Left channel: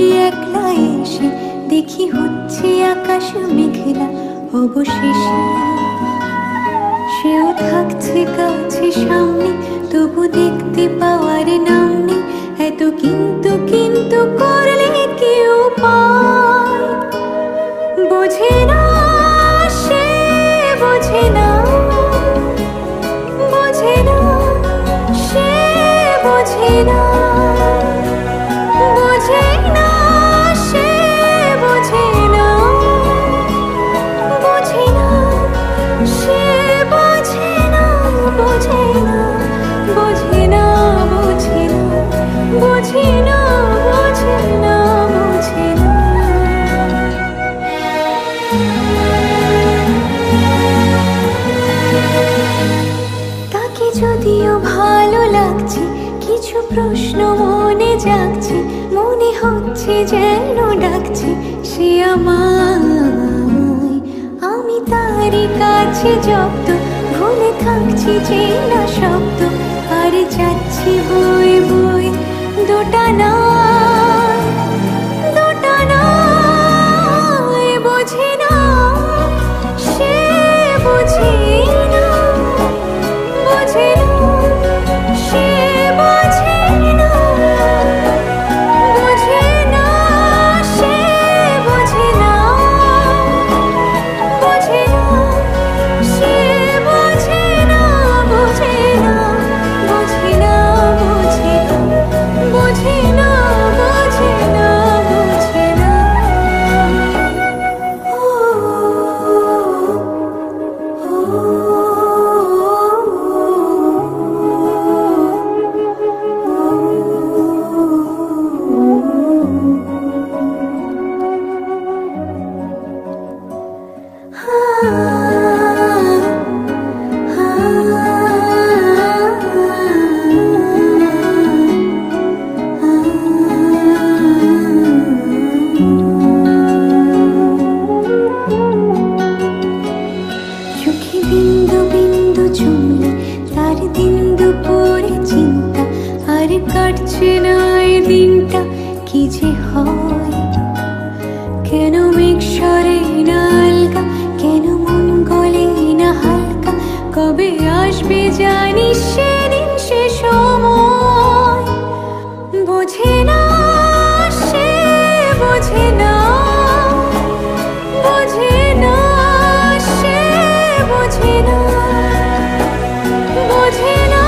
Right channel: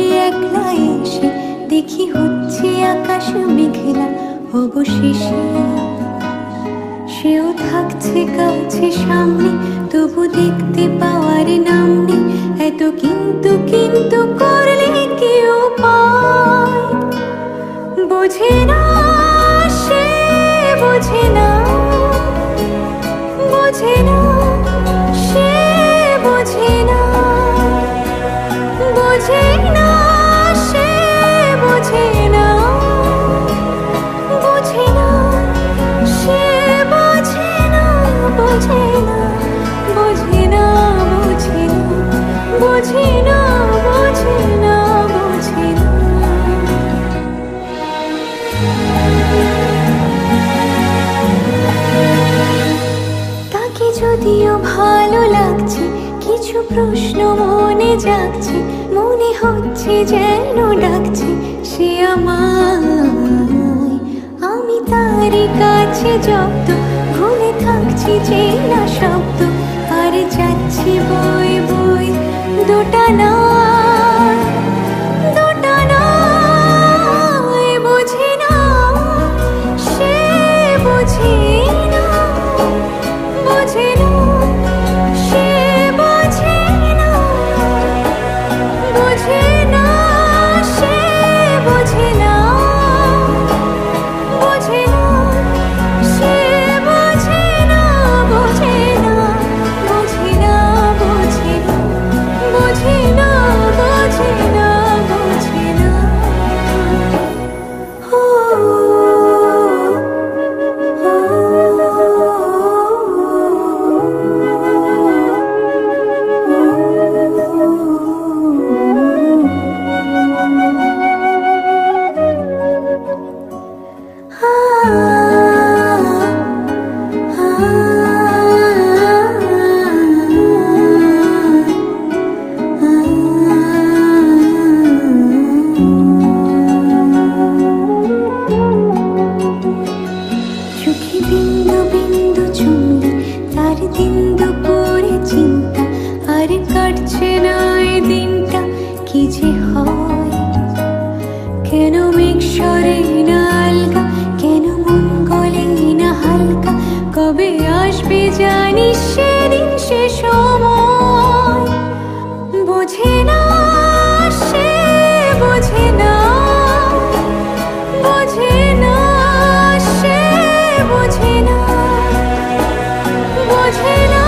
বসে একলা এসে দেখি হচ্ছে আকাশ মেঘলা অবশেষে। সেও থাকছে কাছে সামনে, তবু দেখতে পাওয়ার নাম নেই। এত কিন্তু কিন্তু করলে কেউ পায়, বোঝে না সে, বোঝে না, বোঝে না সে, বোঝে না, বোঝে না সে, বোঝে না, বোঝে না সে, বোঝে না, বোঝে না, বোঝে না, বোঝে না, বোঝে না, বোঝে না, বোঝে না। তাকে যদিও ভালো লাগছে, কিছু প্রশ্ন মনে জাগছে, মনে হচ্ছে যেন ডাকছে সে আমায়। আমি তারই কাছে জব্দ, ভুলে থাকছি চেনা শব্দ, আর যাচ্ছি বই বই দোটানা, দোটানা। বোঝে না সে, বোঝে না, বোঝে না সে, বোঝে না, বোঝে না সে, বোঝে না, বোঝে না সে, বোঝে না, বোঝে না, বোঝে না, বোঝে না, বোঝে না, বোঝে না, বোঝে না। চোখে বিন্দু বিন্দু চুমলে তার দিন দুপুরে চিন্তা, আর কাটছে না এ দিনটা কি যে হয়। কেন মেঘ সরে না আলগা, কেন মন গলে না হালকা, কবে আসবে জানিস সেদিন সে সময়। বোঝে না সে, বোঝে না, বোঝে না সে, বোঝে না, বোঝে না।